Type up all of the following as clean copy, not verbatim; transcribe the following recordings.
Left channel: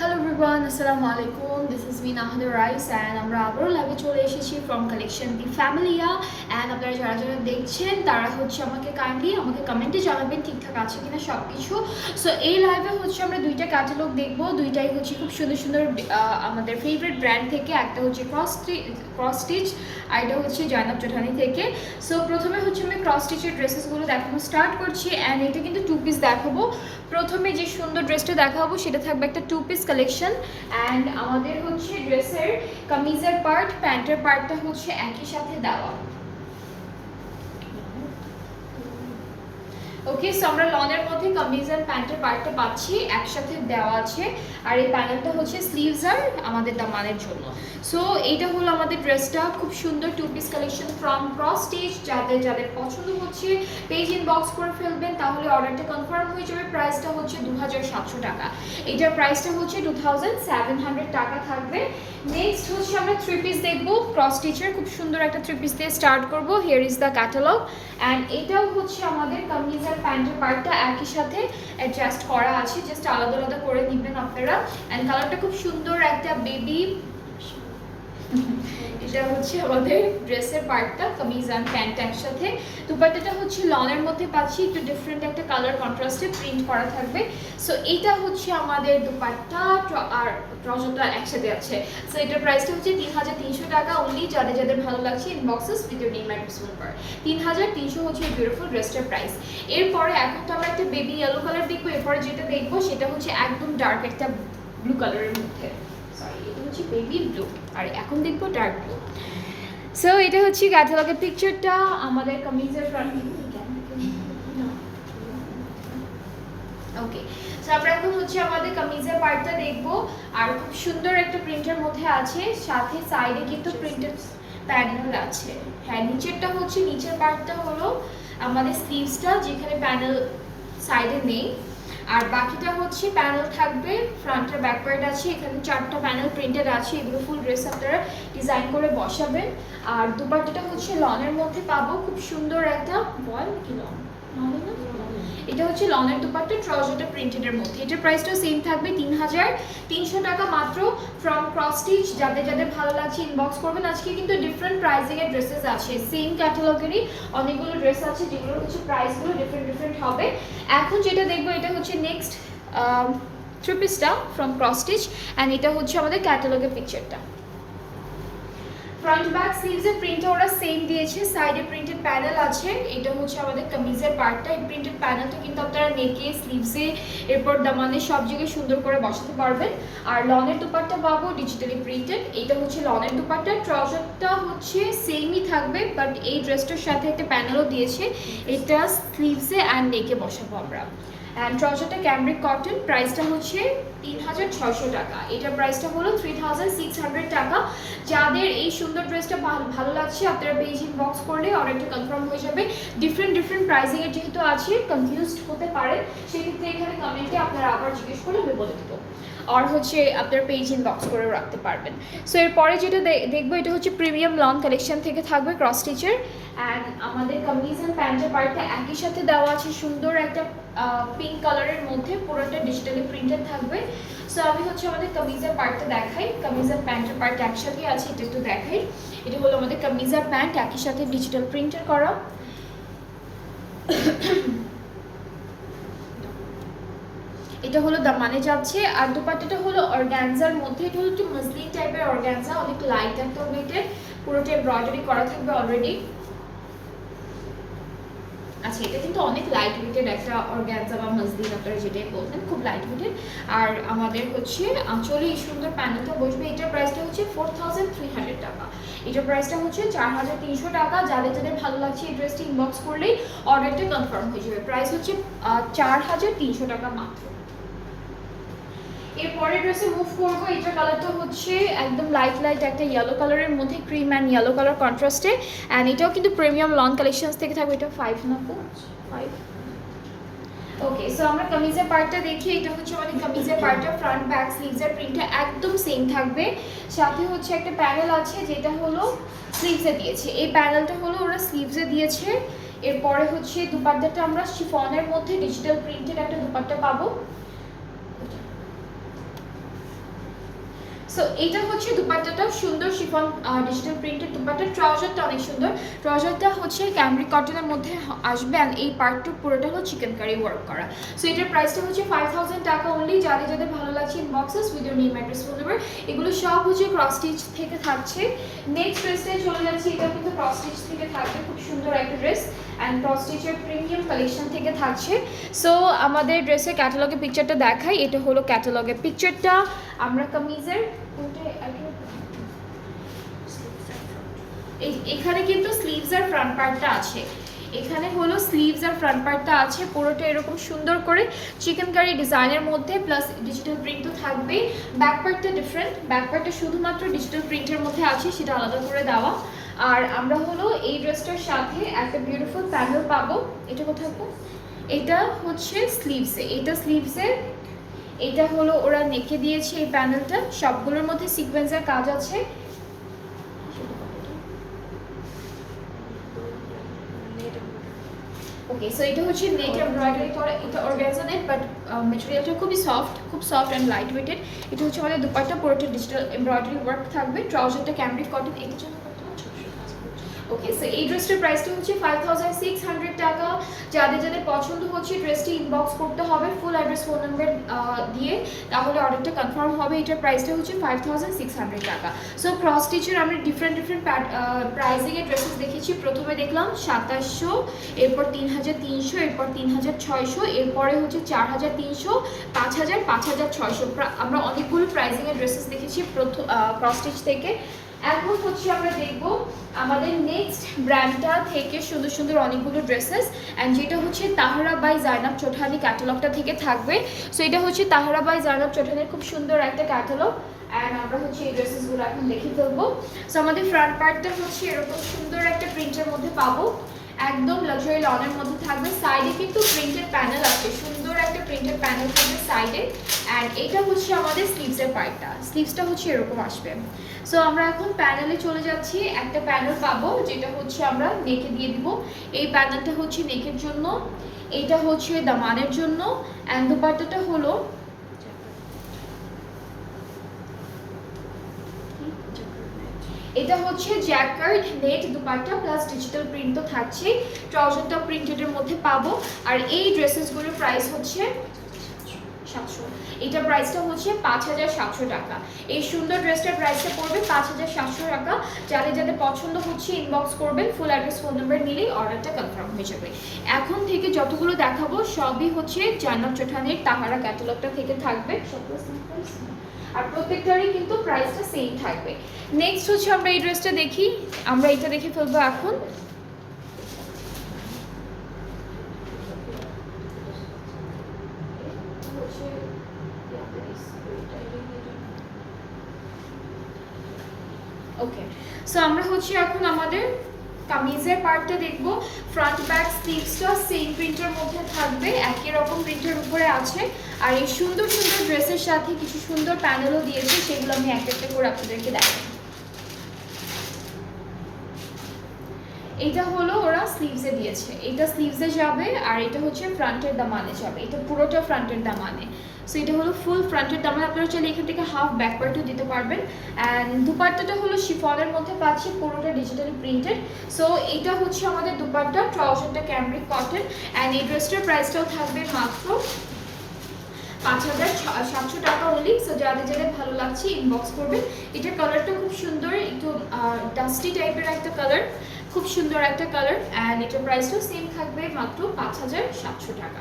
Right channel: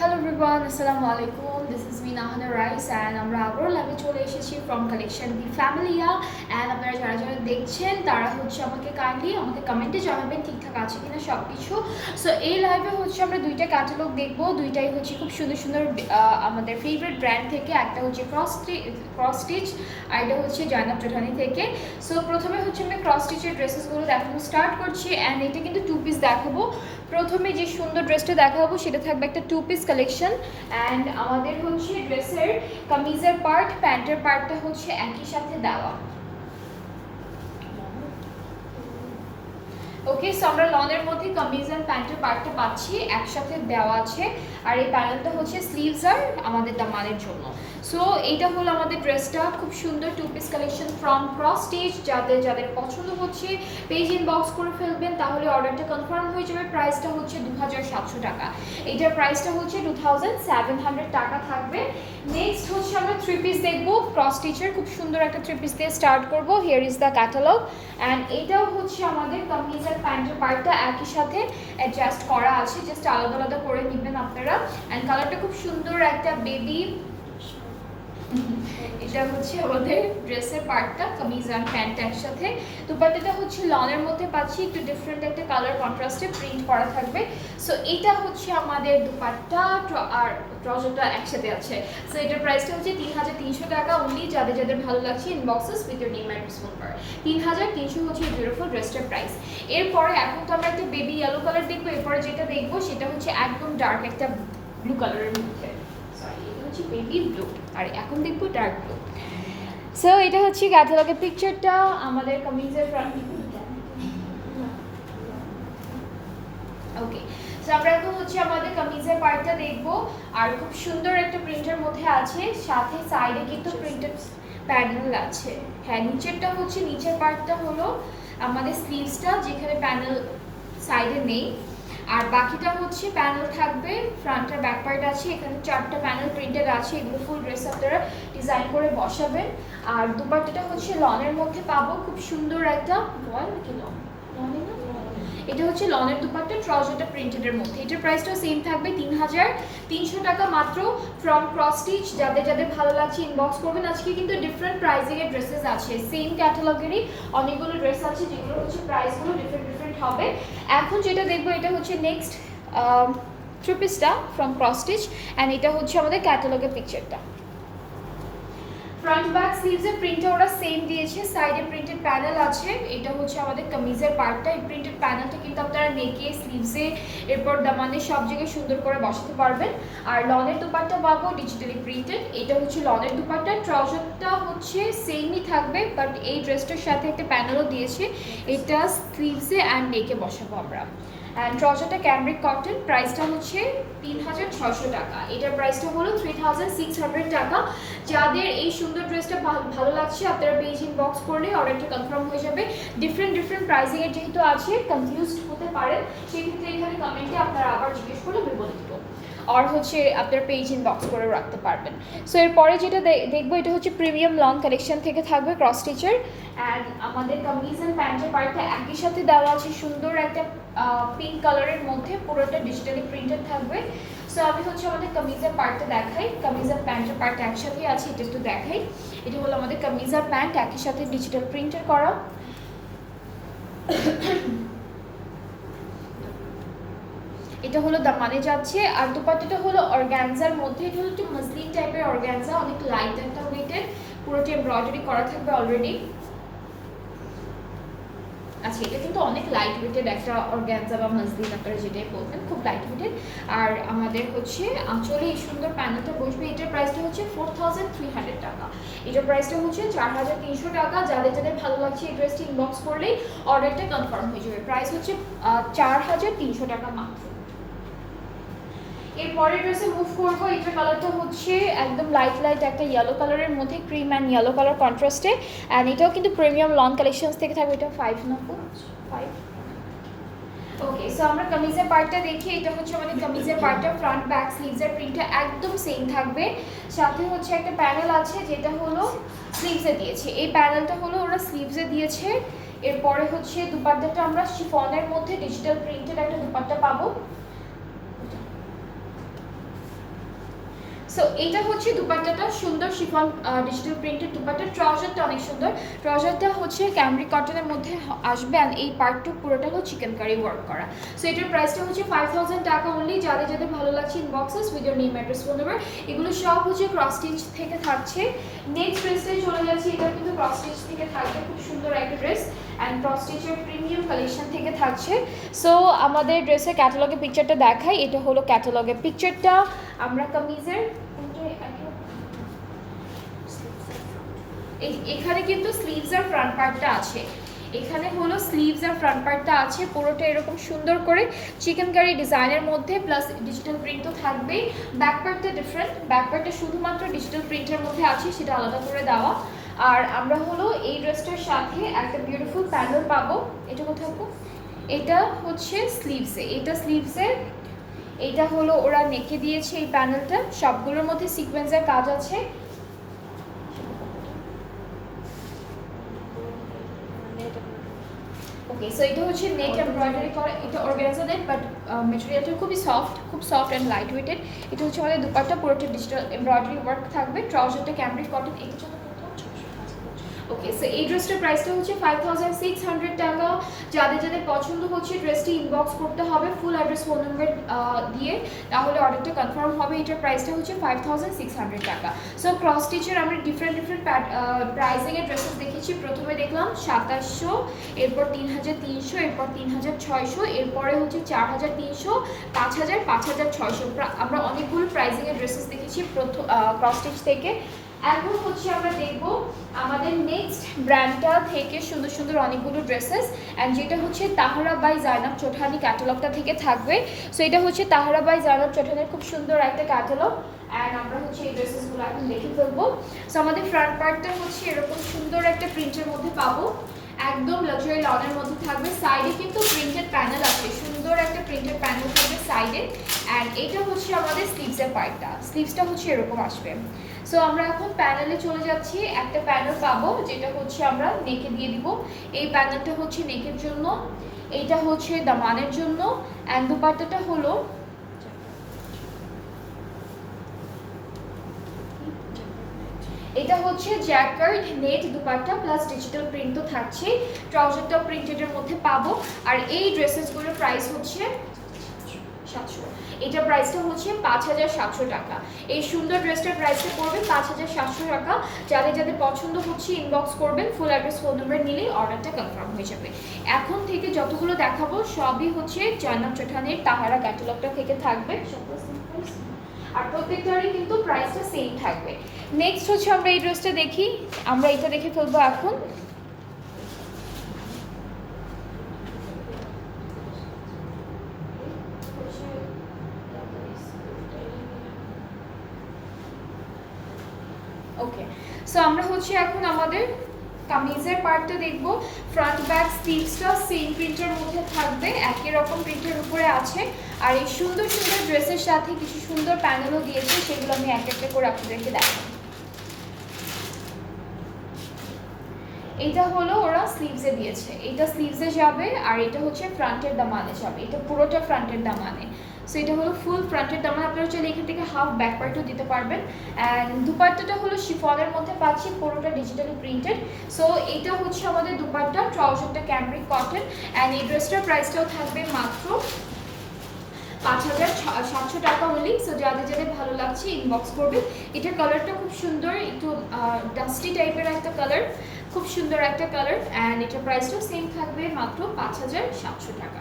Hello everyone, আসসালামু আলাইকুম। This is me নাহাদা rice and আমরা আবারও লাইভে চলে এসেছি from collection the Familia. And আপনারা যারা যারা দেখছেন তারা আমাকে কাইন্ডলি কমেন্টে জানাবেন ঠিকঠাক আছে কিনা সব কিছু। সো এই লাইভে আমরা দুইটা ক্যাটালগ দেখবো, দুইটাই খুব সুন্দর সুন্দর আমাদের ফেভারিট ব্র্যান্ড থেকে। একটা ক্রস স্টিচ আর এটা জয়নাব চৌধুরী থেকে। সো প্রথমে আমি ক্রস স্টিচের ড্রেসেসগুলো দেখানো স্টার্ট করছি অ্যান্ড এটা কিন্তু টু পিস দেখাবো। প্রথমে যে সুন্দর ড্রেসটা দেখাবো সেটা থাকবে একটা টু পিস কালেকশন অ্যান্ড আমাদের ড্রেসের কামিজের পার্ট, প্যান্টের পার্টটা একই সাথে দেওয়া। ওকে, সো আমরা লনের মধ্যে কামিজ আর প্যান্টের পার্টটা পাচ্ছি একসাথে দেওয়া আছে। আর এই প্যানেলটা স্লিভস আর আমাদের দামানের জন্য। সো এইটা হলো আমাদের ড্রেসটা, খুব সুন্দর two piece collection from cross stitch. যাদের যাদের পছন্দ পেজ ইনবক্স করে ফেলবেন, তাহলে অর্ডারটা কনফার্ম হয়ে যাবে। প্রাইসটা 2700 টাকা। এইটার প্রাইসটা 2700 টাকা থাকবে। নেক্সট আমরা থ্রি পিস দেখবো ক্রস স্টিচের, খুব সুন্দর একটা থ্রি পিস দিয়ে স্টার্ট করবো। Here is the catalogue and এইটাও আমাদের কামিজ আর প্যান্টের পার্টটা একই সাথে অ্যাডজাস্ট করা আছে, জাস্ট আলাদা আলাদা করে নেবেন আপনারা। অ্যান্ড কালারটা খুব সুন্দর একটা বেবি। এটা আমাদের ড্রেসের পার্টটা, কামিজ অ্যান্ড প্যান্ট একসাথে। দুপাট্টাটা লনের মধ্যে পাচ্ছি, একটু ডিফারেন্ট একটা কালার কন্ট্রাস্টে প্রিন্ট করা থাকবে। সো এটা আমাদের দুপাট্টা আর ট্রাউজারটা একসাথে আছে। সো এটার প্রাইসটা 3300 টাকা অনলি। যাদের যাদের ভালো লাগছে inboxes with your name and number. 3300 এই বিউটিফুল ড্রেসটার প্রাইস। এরপরে এখন তো আমরা একটা বেবি ইয়েলো কালার দেখবো। এরপরে যেটা দেখবো সেটা একদম ডার্ক একটা ব্লু কালারের মধ্যে। বেবি ব্লু আর এখন দেখবো ডার্ক ব্লু। সো এটা ক্যাটালগের পিকচারটা আমাদের কামিজের ফ্রন্ট। ওকে, সো আমরা এখন আমাদের কামিজের পার্টটা দেখবো। আর খুব সুন্দর একটা প্রিন্টের মধ্যে আছে, সাথে সাইডে কিন্তু প্রিন্টেড প্যানেল আছে। হ্যাঁ, নিচেরটা নিচের পার্টটা হলো আমাদের স্লিভসটা, যেখানে প্যানেল সাইডে নেই। আর বাকিটা প্যানেল থাকবে, ফ্রন্ট আর ব্যাক পার্ট আছে। এখানে 4টা প্যানেল প্রিন্টেড আছে। এগুলো ফুল ড্রেস আপনারা ডিজাইন করে বসাবেন। আর দুপাট্টাটা লনের মধ্যে পাবো, খুব সুন্দর একটা বল কি লন, এটা লনের দুপাট্টা, ট্রাউজারটা প্রিন্টেডের মধ্যে। এটার প্রাইসটা সেম থাকবে 3300 টাকা মাত্র ফ্রম ক্রস স্টিচ। যাদের যাদের ভালো লাগছে ইনবক্স করবেন। আজকে কিন্তু ডিফারেন্ট প্রাইসিং এর ড্রেসেস আছে, সেম ক্যাটালগেরই অনেকগুলো ড্রেস আছে যেগুলোর প্রাইসগুলো ডিফারেন্ট হবে। এখন যেটা দেখবো এটা নেক্সট থ্রি পিসটা ফ্রম ক্রস স্টিচ অ্যান্ড এটা আমাদের ক্যাটালগের পিকচারটা। ফ্রন্ট ব্যাক স্লিভসের প্রিন্টটা ওরা সেম দিয়েছে, সাইডে প্রিন্টেড প্যানেল আছে। এটা আমাদের কামিজের পার্টটা। এই প্রিন্টেড প্যানেলটা কিন্তু আপনারা নেকে, স্লিভসে, এরপর দামানে সব জায়গায় সুন্দর করে বসাতে পারবেন। আর লনের দুপাট্টা পাবো ডিজিটালি প্রিন্টেড। এটা লনের দুপাট্টা, ট্রাউজারটা সেমই থাকবে, বাট এই ড্রেসটার সাথে একটা প্যানেলও দিয়েছে। এটা স্লিভসে অ্যান্ড নেকে বসাবো আমরা। অ্যান্ড ট্রাউজারটা ক্যামব্রিক কটন, প্রাইসটা 3600 টাকা। এটার প্রাইসটা হলো 3600 টাকা। যাদের এই সুন্দর ড্রেসটা ভালো লাগছে আপনারা পেজ ইনবক্স করলে অর্ডারটা কনফার্ম হয়ে যাবে। ডিফারেন্ট প্রাইসিংয়ের যেহেতু আছে, কনফিউজড হতে পারেন, সেক্ষেত্রে এখানে কমেন্টে আপনারা আবার জিজ্ঞেস করলে আমি বলে দেবো। আর আপনার পেজ ইনবক্স করে রাখতে পারবেন। সো এরপরে যেটা দেখবো এটা প্রিমিয়াম লন কালেকশন থেকে থাকবে ক্রস স্টিচের। অ্যান্ড আমাদের কামিজ অ্যান্ড প্যান্টের পার্টটা একই সাথে দেওয়া আছে, সুন্দর একটা পিঙ্ক কালারের মধ্যে, পুরোটা ডিজিটালি প্রিন্টেড থাকবে। সো আমি আমাদের কামিজের পার্টটা দেখাই। কামিজ আর প্যান্টের পার্ট একসাথে আছে, এটা একটু দেখাই। এটা হলো আমাদের কামিজ আর প্যান্ট একই সাথে ডিজিটাল প্রিন্টেড করা। এটা দামানে যাচ্ছে। আর দুপাট্টাটা অর্গানজার মধ্যে। এটা একটু মাসলিন টাইপের অর্গানজা, অনেক লাইট একটা ওয়েটের, পুরোটা এমব্রয়ডারি করা থাকবে অলরেডি। আচ্ছা, এটা কিন্তু অনেক লাইট ওয়েটেড একটা অর্গানজা বা মাসলিন, আপনারা যেটাই বলবেন, খুব লাইট ওয়েটেড। আর আমাদের আঁচলে এই সুন্দর প্যানেলটা বসবে। এটার প্রাইসটা 4300 টাকা। এটার প্রাইসটা 4300 টাকা। যাদের যাদের ভালো লাগছে এই ড্রেসটি ইনবক্স করলেই অর্ডারটা কনফার্ম হয়ে যাবে। প্রাইস 4300 টাকা মাত্র। এরপরের ড্রেসে মুভ করবো। এটার কালারটা একদম লাইট একটা ইয়েলো কালারের মধ্যে, ক্রিম অ্যান্ড ইয়েলো কালার কন্ট্রাস্টে। অ্যান্ড এটাও কিন্তু প্রিমিয়াম লন কালেকশনস থেকে থাকবে। এটা 5 না 5। ওকে, সো আমরা কামিজের পার্টটা দেখি। এটা আমাদের কামিজের পার্টটা, ফ্রন্ট ব্যাক স্লিভসের প্রিন্টটা একদম সেম থাকবে। সাথে একটা প্যানেল আছে যেটা স্লিভসে দিয়েছে। এই প্যানেলটা ওরা স্লিভসে দিয়েছে। এরপরে দুপাট্টাটা আমরা শিফনের মধ্যে ডিজিটাল প্রিন্টেড একটা দুপাট্টা পাবো। সো এইটা হচ্ছে দুপাট্টাটা সুন্দর শিফন ডিজিটাল প্রিন্টেড দুপাট্টা। ট্রাউজারটা অনেক সুন্দর, ট্রাউজারটা হচ্ছে ক্যামরিক কটনের মধ্যে আসবে অ্যান্ড এই পার্টটু পুরোটা হচ্ছে চিকেন কারি ওয়ার্ক করা। সো এটার প্রাইসটা হচ্ছে 5000 টাকা অনলি। যাদের যাদের ভালো লাগছে inboxes with your name address phone number, এগুলো সব হচ্ছে ক্রস স্টিচ থেকে থাকছে। নেক্সট ড্রেসে চলে যাচ্ছে, এটা কিন্তু ক্রস স্টিচ থেকে থাকবে, খুব সুন্দর একটা ড্রেস অ্যান্ড ক্রস স্টিচের প্রিমিয়াম কালেকশন থেকে থাকছে। সো আমাদের ড্রেসের ক্যাটালগের পিকচারটা দেখাই, এটা হলো ক্যাটালগের পিকচারটা। আমরা কামিজের এখানে কিন্তু স্লিভস আর ফ্রন্ট পার্টটা আছে, এখানে হলো স্লিভস আর ফ্রন্ট পার্টটা আছে, পুরোটা এরকম সুন্দর করে চিকেন কারি ডিজাইনের মধ্যে প্লাস ডিজিটাল প্রিন্ট তো থাকবেই। ব্যাক পার্টটা ডিফারেন্ট, ব্যাক পার্টটা শুধুমাত্র ডিজিটাল প্রিন্টের মধ্যে আছে, সেটা আলাদা করে দেওয়া। আর আমরা হলো এই ড্রেসটার সাথে একটা বিউটিফুল প্যানেল পাবো। এটা কোথায়? এটা হচ্ছে স্লিভসে, এটা স্লিভসে, এটা হলো ওরা নেকে দিয়েছে এই প্যানেলটা, সবগুলোর মধ্যে সিকোয়েন্সের কাজ আছে। ওকে, সো এটা হচ্ছে নেক এমব্রয়ডারি করা, এটা অর্গানজা নেট বাট ম্যাটেরিয়ালটা খুবই সফট, খুব সফট অ্যান্ড লাইট ওয়েটেড। এটা হচ্ছে আমাদের দুপাট্টা, পুরোটা ডিজিটাল এমব্রয়ডারি ওয়ার্ক থাকবে। ট্রাউজারটা ক্যামরিক কটন। এটা ওকে, সো এই ড্রেসটার প্রাইসটা হচ্ছে 5600 টাকা। যাদের যাদের পছন্দ হচ্ছে ড্রেসটি ইনবক্স করতে হবে ফুল অ্যাড্রেস ফোন নাম্বার দিয়ে, তাহলে অর্ডারটা কনফার্ম হবে। এটার প্রাইসটা হচ্ছে 5600 টাকা। সো ক্রস স্টিচের আমরা ডিফারেন্ট প্রাইসিংয়ের ড্রেসেস দেখেছি। প্রথমে দেখলাম 2700, এরপর 3300, এরপর 3600, এরপরে হচ্ছে 4300, 5000, 5600। আমরা অনেকগুলো প্রাইসিংয়ের ড্রেসেস দেখেছি প্রথম ক্রস স্টিচ থেকে। এখন হচ্ছে আমরা দেখব আমাদের নেক্সট ব্র্যান্ডটা থেকে সুন্দর সুন্দর অনেকগুলো ড্রেসেস, অ্যান্ড যেটা হচ্ছে তাহরা বাই জাইনাব চৌধুরী ক্যাটালগটা থেকে থাকবে। সো এটা হচ্ছে তাহরা বাই জাইনাব চৌধুরীর খুব সুন্দর একটা ক্যাটালগ, অ্যান্ড আমরা হচ্ছে এই ড্রেসেসগুলো এখন দেখে ফেলবো। সো আমাদের ফ্রন্ট পার্টটা হচ্ছে এরকম সুন্দর একটা প্রিন্টের মধ্যে পাবো, একদম লাক্সারি লনের মধ্যে থাকবে। সাইডে কিন্তু প্রিন্টেড প্যানেল আছে, সুন্দর একটা প্রিন্টেড প্যানেল থাকবে সাইডে। অ্যান্ড এটা হচ্ছে আমাদের স্লিভসের পার্টটা, স্লিভসটা হচ্ছে এরকম আসবে। সো আমরা এখন প্যানেলে চলে যাচ্ছি। একটা প্যানেল পাবো যেটা হচ্ছে আমরা নেকে দিয়ে দিব। এই প্যানেলটা হচ্ছে নেকের জন্য, এইটা হচ্ছে দামানের জন্য, অ্যান্ড দুপাট্টাটা হলো এটা হচ্ছে jacquard net dupatta plus digital print তো থাকছে। ট্রাউজারটা প্রিন্টেডের মধ্যে পাবো। আর এই ড্রেসেসগুলোর প্রাইস হচ্ছে 700। এটা প্রাইসটা হচ্ছে 5700 টাকা। এই সুন্দর ড্রেসটার প্রাইসটা পড়বে 5700 টাকা। যাদের যাদের পছন্দ হচ্ছে ইনবক্স করবেন, ফুল অ্যাড্রেস ফোন নাম্বার নিলেই অর্ডারটা কনফার্ম হয়ে যাবে। এখন থেকে যতগুলো দেখাবো সবই হচ্ছে জাইনাব চৌধুরীর তাহারা ক্যাটালগটা থেকে থাকবে, আর প্রত্যেকটারই কিন্তু প্রাইসটা সেম থাকবে। নেক্সট হচ্ছে আমরা এই ড্রেসটা দেখি, আমরা এটা দেখে ফেলবো এখন। ওকে, সো আমরা হচ্ছে এখন আমাদের কামিজের পার্টটা দেখবো। ফ্রন্ট ব্যাক স্লিভসটা সেম প্রিন্টের মধ্যে থাকবে, একই রকম প্রিন্টের উপরে আছে। আর এই সুন্দর সুন্দর ড্রেসের সাথে কিছু সুন্দর প্যানেলও দিয়েছে, সেগুলো আমি একটা একটা করে আপনাদেরকে দেখাবো। এটা হলো ওরা স্লিভসে দিয়েছে, এটা স্লিভসে যাবে, আর এটা হচ্ছে ফ্রন্টের দামানে যাবে। এটা পুরোটা ফ্রন্টের দামানে। সো এটা হলো ফুল ফ্রন্টের দামান। আপনারা চাইলে এখান থেকে হাফ ব্যাক পার্টও দিতে পারবেন। অ্যান্ড দুপাট্টাটা হলো শিফনের মধ্যে পাচ্ছি, পুরোটা ডিজিটালি প্রিন্টেড। সো এটা হচ্ছে আমাদের দুপাট্টা, ট্রাউজারটা ক্যামরিক কটন। অ্যান্ড এই ড্রেসটার প্রাইসটাও থাকবে মাত্র 5700 টাকা অনলি। সো যাদের যাদের ভালো লাগছে ইনবক্স করবে। এটার কালারটা খুব সুন্দর, একটু ডাস্টি টাইপের একটা কালার, খুব সুন্দর একটা কালার। অ্যান্ড এটার প্রাইসটাও সেম থাকবে মাত্র 5700 টাকা।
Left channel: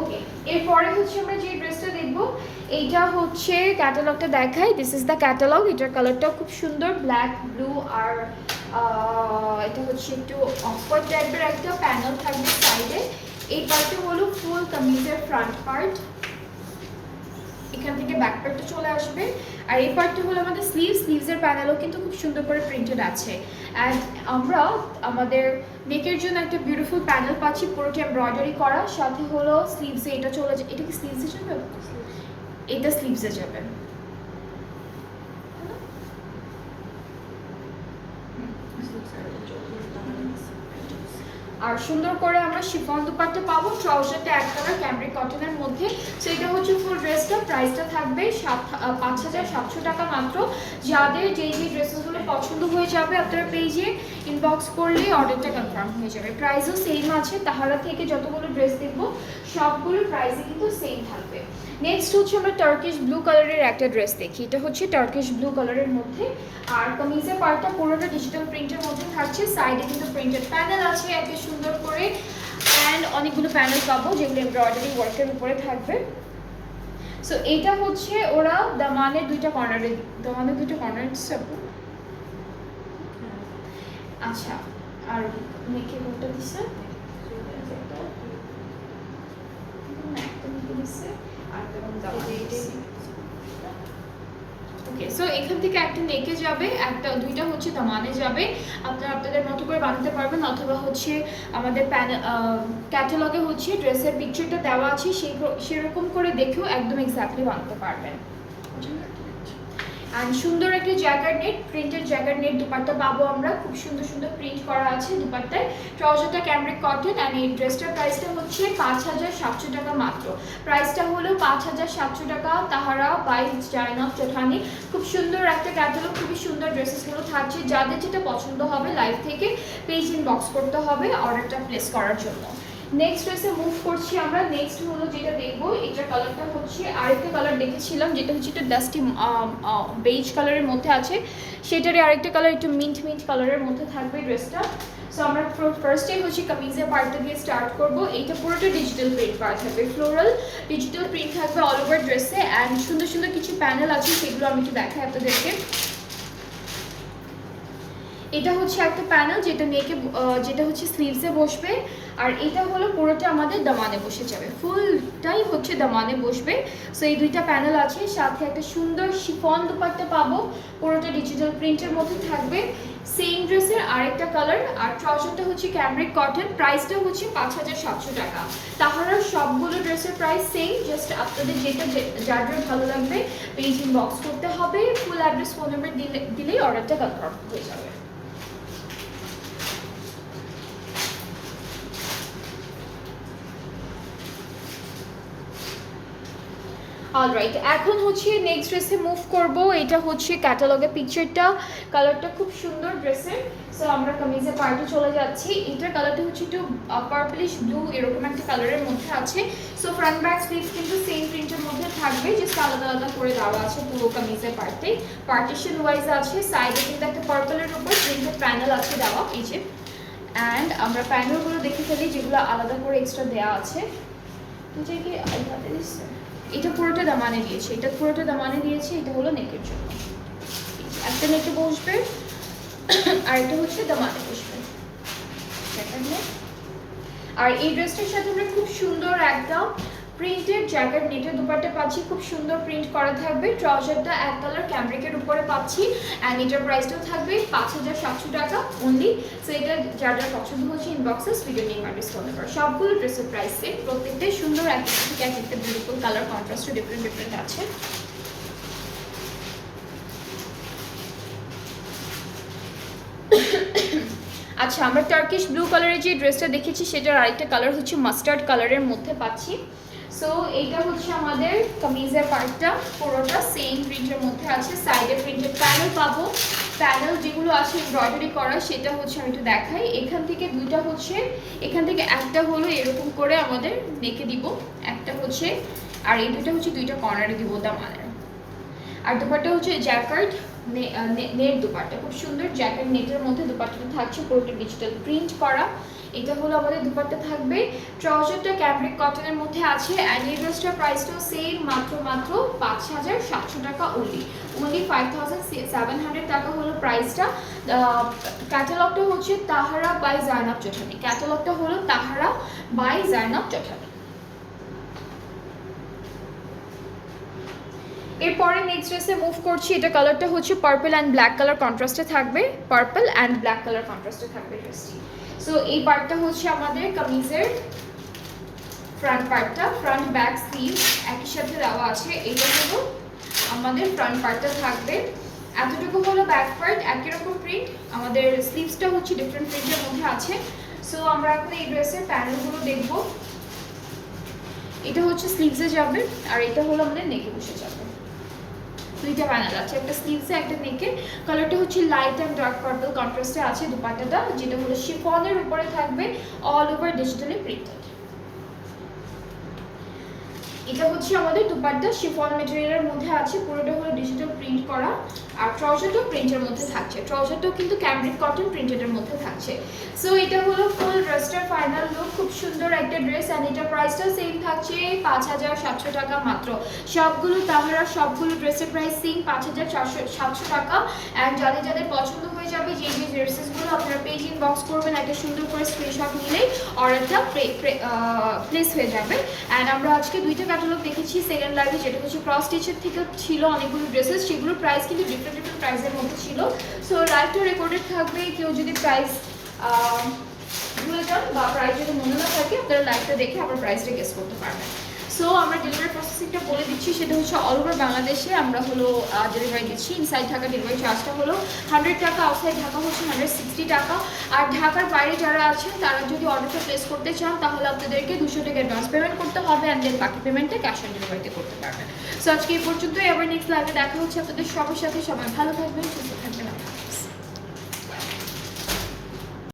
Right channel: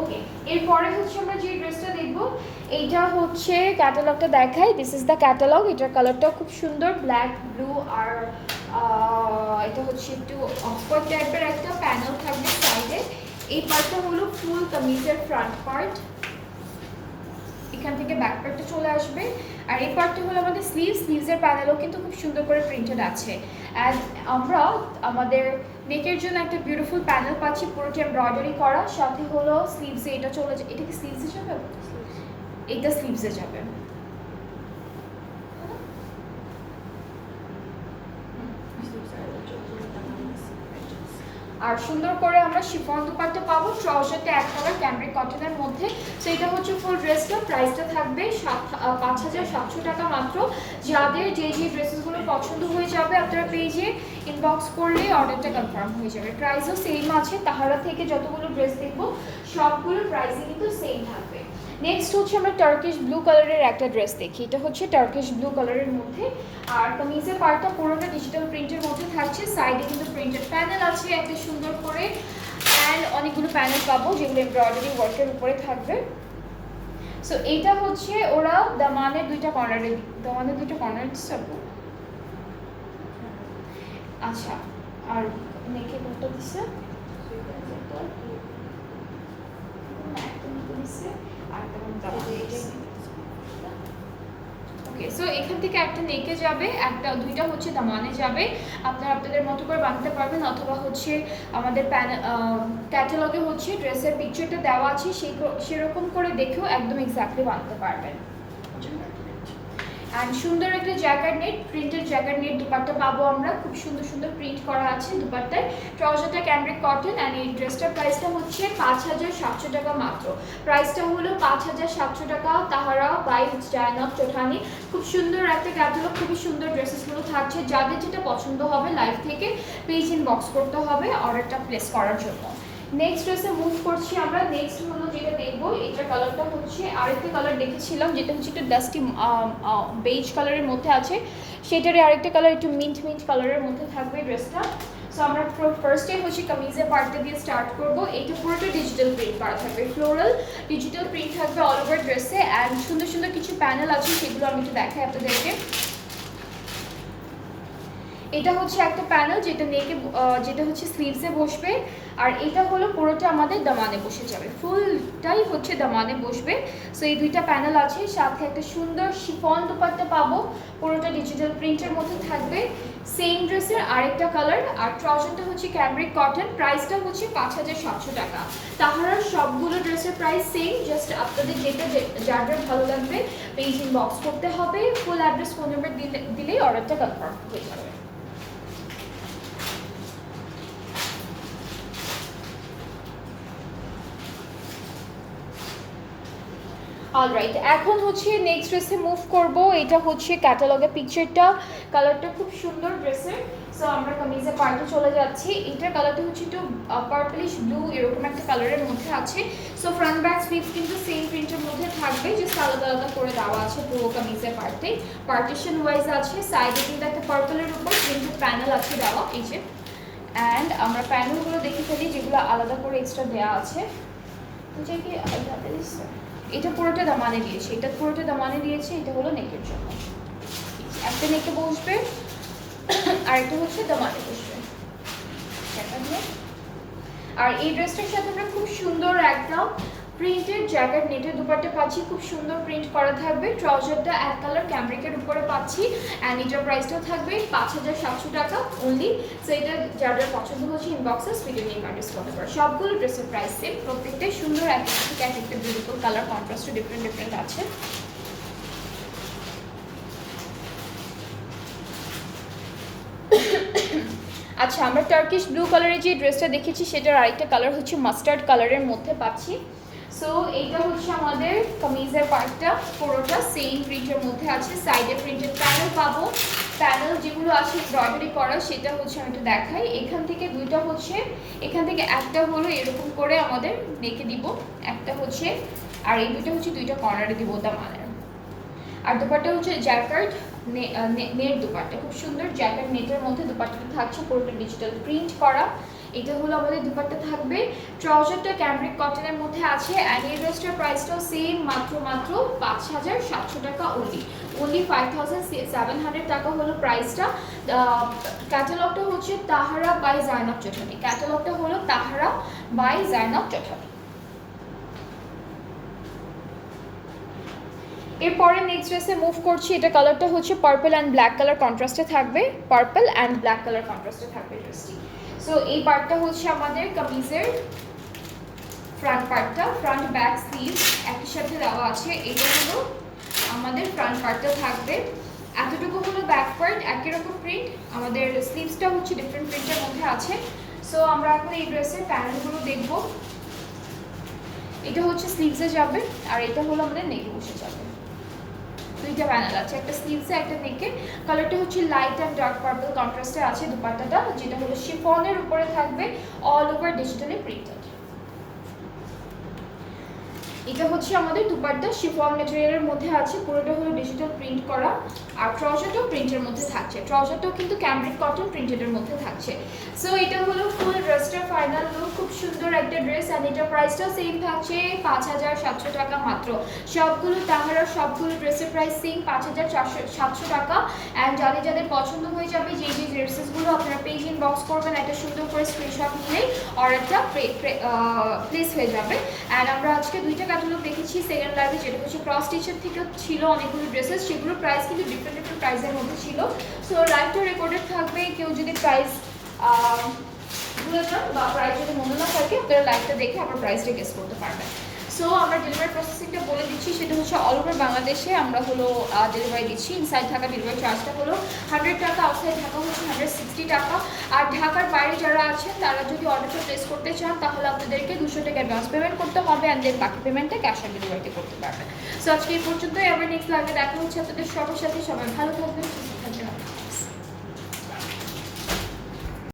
ওকে, এরপরে হচ্ছে আমরা যে ড্রেসটা দেখবো, এইটা হচ্ছে ক্যাটালগটা দেখাই। This is the catalogue. এটার কালারটা খুব সুন্দর, ব্ল্যাক ব্লু, আর এটা হচ্ছে একটু অফার টাইপের একটা প্যানেল থাকবে সাইডে। এই পার্টটা হলো ফুল কামিজের ফ্রন্ট পার্ট, এখান থেকে ব্যাক পার্টটা চলে আসবে। আর এই পার্টটা হলো আমাদের স্লিভসের প্যানেলও কিন্তু খুব সুন্দর করে প্রিন্টেড আছে। অ্যান্ড আমরা আমাদের নেকের জন্য একটা বিউটিফুল প্যানেল পাচ্ছি, পুরোটা এমব্রয়ডারি করা। সাথে হলো স্লিভসে এটা চলে যায়। এটা কি স্লিভসে যাবে? এটা স্লিভসে যাবে। আর সুন্দর করে আমরা শিফন দুপাট্টা পাবো, ট্রাউজারটা এক কালার ক্যামব্রিক কটনের মধ্যে। সো এটা হচ্ছে ফুল ড্রেসটা, প্রাইসটা থাকবে 5700 টাকা মাত্র। যাদের যেই ড্রেসেসগুলো পছন্দ হয়ে যাবে আপনারা পেজে ইনবক্স করলেই অর্ডারটা কনফার্ম হয়ে যাবে। প্রাইসও সেম আছে, তাহারা থেকে যতগুলো ড্রেস দেখবো সবগুলো প্রাইসে কিন্তু সেম থাকবে। নেক্সট হচ্ছে আমরা টার্কিশ ব্লু কালারের একটা ড্রেস দেখি। এটা হচ্ছে টার্কিশ ব্লু কালারের মধ্যে, আর কামিজের পার্টটা পুরোটা ডিজিটাল প্রিন্টের মধ্যে থাকছে। সাইডে কিন্তু প্রিন্টেড প্যানেল আছে একটা সুন্দর করে, অ্যান্ড অনেকগুলো প্যানেল পাবো যেগুলো এমব্রয়ডারি ওয়ার্কের উপরে থাকবে। সো এটা হচ্ছে ওরা দামানের দুইটা কর্নারে, দামানের দুইটা কর্নার দিচ্ছে। আচ্ছা, আর মেকে কোনটা দিচ্ছে? ওকে, সো এখান থেকে একটা নেকে যাবে, একটা দুইটা হচ্ছে দামানে যাবে। আপনারা আপনাদের মতো করে বানাতে পারবেন, অথবা হচ্ছে আমাদের ক্যাটালগে হচ্ছে ড্রেসের পিকচারটা দেওয়া আছে, সেরকম করে দেখেও একদম এক্স্যাক্টলি বানাতে পারবেন। অ্যান্ড সুন্দর একটা jacket net, printed jacket net dupatta পাবো আমরা, খুব সুন্দর সুন্দর প্রিন্ট করা আছে দুপাট্টায়। ট্রাউজারটা ক্যামব্রিক কটন, অ্যান্ড এই ড্রেসটার প্রাইসটা হচ্ছে 5700 টাকা মাত্র। প্রাইসটা হলো 5700 টাকা। তাহারা বাই জায়নাব চৌধুরী। খুব সুন্দর একটা ক্যাটালগ, খুবই সুন্দর ড্রেসেসগুলো থাকছে। যাদের যেটা পছন্দ হবে লাইভ থেকে পেজ ইনবক্স করতে হবে অর্ডারটা প্লেস করার জন্য। নেক্সট ড্রেসে মুভ করছি আমরা। নেক্সট হলো যেটা দেখবো, এটার কালারটা হচ্ছে আরেকটা কালার দেখেছিলাম যেটা হচ্ছে একটা ডাস্টি বেজ কালারের মধ্যে আছে, সেটারই আরেকটা কালার একটু মিন্ট কালারের মধ্যে থাকবে ড্রেসটা। সো আমরা ফার্স্টে হচ্ছে কামিজের পার্টটা দিয়ে স্টার্ট করবো। এইটা পুরোটা ডিজিটাল প্রিন্ট করা থাকবে, ফ্লোরাল ডিজিটাল প্রিন্ট থাকবে অল ওভার ড্রেসে, অ্যান্ড সুন্দর সুন্দর কিছু প্যানেল আছে সেগুলো আমি একটু দেখাই আপনাদেরকে। এটা হচ্ছে একটা প্যানেল যেটা নেকে, যেটা হচ্ছে স্লিভসে বসবে, আর এটা হলো পুরোটা আমাদের দামানে বসে যাবে, ফুলটাই হচ্ছে দামানে বসবে। সো এই দুইটা প্যানেল আছে, সাথে একটা সুন্দর শিফন দুপাট্টা পাবো, পুরোটা ডিজিটাল প্রিন্টের মধ্যে থাকবে। সেম ড্রেসের আরেকটা কালার, আর ট্রাউজারটা হচ্ছে ক্যামব্রিক কটন। প্রাইসটা হচ্ছে 5700 টাকা। তাহলে সবগুলো ড্রেসের প্রাইস সেম, জাস্ট আপনাদের যেটা যার ভালো লাগবে পেজ ইনবক্স করতে হবে, ফুল অ্যাড্রেস ফোন নাম্বার দিলেই অর্ডারটা কনফার্ম হয়ে যাবে। অলরাইট, এখন হচ্ছে নেক্সট ড্রেসে মুভ করব। এটা হচ্ছে ক্যাটালগের পিকচারটা, কালারটা খুব সুন্দর ড্রেসের। সো আমরা কামিজের পার্টে চলে যাচ্ছি। এটার কালারটা হচ্ছে একটু পার্পলিশ ব্লু এরকম একটা কালারের মধ্যে আছে। সো ফ্রন্ট ব্যাক স্লিভস কিন্তু সেম প্রিন্টের মধ্যে থাকবে, জাস্ট আলাদা আলাদা করে দেওয়া আছে পুরো কামিজের পার্টে। পার্টিশন ওয়াইজ আছে, সাইডে কিন্তু একটা পার্পলের উপর প্রিন্টেড প্যানেল আছে দেওয়া, এই যে। অ্যান্ড আমরা প্যানেলগুলো দেখে ফেলি যেগুলো আলাদা করে এক্সট্রা দেওয়া আছে। এটা পুরোটা দামানে দিয়েছে, এটা পুরোটা দামানে দিয়েছে। এটা হলো নেকের জন্য, একটা নেকে বসবে আর এটা হচ্ছে দামানে বসবে। আর এই ড্রেসটার সাথে আমরা খুব সুন্দর একটা প্রিন্টেড জ্যাকেট নেটের দুপাট্টা পাচ্ছি, খুব সুন্দর প্রিন্ট করা থাকবে। ট্রাউজারটা এক কালার ক্যামব্রিকের উপরে পাচ্ছি, অ্যান্ড এটার প্রাইসটাও থাকবে 5700 টাকা অনলি। সো এটা যার যার পছন্দ হচ্ছে ইনবক্সে ভিডিও নেম আর ডিসকাউন্ট নাম্বার। সবগুলো ড্রেসের প্রাইস সেম, প্রত্যেকটাই সুন্দর, একটা থেকে এক একটা বিউটিফুল কালার কন্ট্রাস্টও ডিফারেন্ট আছে। আচ্ছা, আমরা টার্কিশ ব্লু কালারের যে ড্রেসটা দেখেছি সেটার আরেকটা কালার হচ্ছে মাস্টার্ড কালারের মধ্যে পাচ্ছি। সো এইটা হচ্ছে আমাদের কামিজের পার্টটা, পুরোটা সেম প্রিন্টের মধ্যে আছে। সাইডে প্রিন্টেড প্যানেল পাবো, প্যানেল যেগুলো আছে এমব্রয়ডারি করা, সেটা হচ্ছে আমি একটু দেখাই। এখান থেকে দুইটা হচ্ছে, এখান থেকে একটা হলো এরকম করে আমাদের নেকে দিব, একটা হচ্ছে, আর এই দুইটা হচ্ছে দুইটা কর্নারে দিব দামানের। আর দুপাট্টা হচ্ছে জ্যাকার্ড নেট দুপাট্টা, খুব সুন্দর জ্যাকার্ড নেটের মধ্যে দুপাট্টাটা থাকছে, পুরোটা ডিজিটাল প্রিন্ট করা। এটা হলো আমাদের দুপাট্টা থাকবে। ট্রাউজারটা ক্যামব্রিক কটনের মধ্যে আছে, অ্যান্ড এই ড্রেসটার প্রাইসটাও সেম, মাত্র 5700 টাকা অনলি 5700 টাকা হলো প্রাইসটা। ক্যাটালগটা হচ্ছে তাহারা বাই জায়নাব চৌধুরী, ক্যাটালগটা হলো তাহারা বাই জায়নাব চৌধুরী। এরপরে নেক্সট ড্রেসে মুভ করছি। এটা কালারটা হচ্ছে পার্পল অ্যান্ড ব্ল্যাক কালার কন্ট্রাস্টে থাকবে, পার্পল অ্যান্ড ব্ল্যাক কালার কন্ট্রাস্টে থাকবে ড্রেসটি। সো এই পার্টটা হচ্ছে আমাদের কামিজের ফ্রন্ট পার্টটা, ফ্রন্ট ব্যাক স্লিভ একই সাথে দেওয়া আছে। এইটা হলো আমাদের ফ্রন্ট পার্টটা থাকবে, এতটুকু হলো ব্যাক পার্ট, একই রকম প্রিন্ট। আমাদের স্লিভসটা হচ্ছে ডিফারেন্ট প্রিন্টের মধ্যে আছে। সো আমরা এখন এই ড্রেসের প্যানেলগুলো দেখব। এটা হচ্ছে স্লিভসে যাবে আর এটা হলো আমাদের নেকে বসে যাবে। দুইটা প্যানেল আছে, একটা স্লিভসে একটা নেকে। কালারটা হচ্ছে লাইট অ্যান্ড ডার্ক পার্পল কন্ট্রাস্টে আছে দুপাট্টাটা, যেটা হলো শিফনের উপরে থাকবে অল ওভার ডিজিটালি প্রিন্টেড। এটা হচ্ছে আমাদের দুপাট্টা শিফন ম্যাটেরিয়ালের মধ্যে আছে, পুরোটা হলো ডিজিটাল প্রিন্ট করা। আর ট্রাউজারটাও প্রিন্টের মধ্যে থাকছে, ট্রাউজারটাও কিন্তু ক্যামব্রিক কটন প্রিন্টেডের মধ্যে থাকছে। সো এটা হলো ফুল ড্রেসটার ফাইনাল লুক। খুব সুন্দর একটা ড্রেস অ্যান্ড এটার প্রাইসটাও সেম থাকছে 5700 টাকা মাত্র। সবগুলো তাহারা সবগুলো ড্রেসের প্রাইস সেম 5700 টাকা। অ্যান্ড যাদের পছন্দ হয়ে যাবে যে ড্রেসেসগুলো আপনারা পেজ ইনবক্স করবেন, একটা সুন্দর করে স্ক্রিনশট নিলেই অর্ডারটা প্লেস হয়ে যাবে। অ্যান্ড আমরা আজকে দুইটা ক্যাটালগ দেখেছি সেকেন্ড লাইভে, যেটা হচ্ছে ক্রস স্টিচের থেকে ছিল অনেকগুলো ড্রেসেস, সেগুলোর প্রাইস কিন্তু ডিফারেন্ট প্রাইসের মধ্যে ছিল। সো লাইভটা রেকর্ডেড থাকবে, কেউ যদি প্রাইস ভুলে যান বা প্রাইস যদি মনে না থাকে আপনারা লাইভটা দেখে আপনার প্রাইসটা গেস করতে পারবেন। সো আমরা ডেলিভারি প্রসেসিংটা বলে দিচ্ছি, সেটা হচ্ছে অল ওভার বাংলাদেশে আমরা হলো ডেলিভারি দিচ্ছি। ইনসাইড ঢাকা ডেলিভারি চার্জটা হলো 100 টাকা, আউটসাইড ঢাকা হচ্ছে 160 টাকা। আর ঢাকার বাইরে যারা আছেন তারা যদি অর্ডারটা প্লেস করতে চান তাহলে আপনাদেরকে 200 টাকা অ্যাডভান্স পেমেন্ট করতে হবে, অ্যান্ড দেন বাকি পেমেন্টটা ক্যাশ অন ডেলিভারিতে করতে পারবেন। সো আজকে এই পর্যন্তই, আবার নেক্সট লাইভে দেখা হচ্ছে আপনাদের সবার সাথে। সবাই ভালো থাকবেন।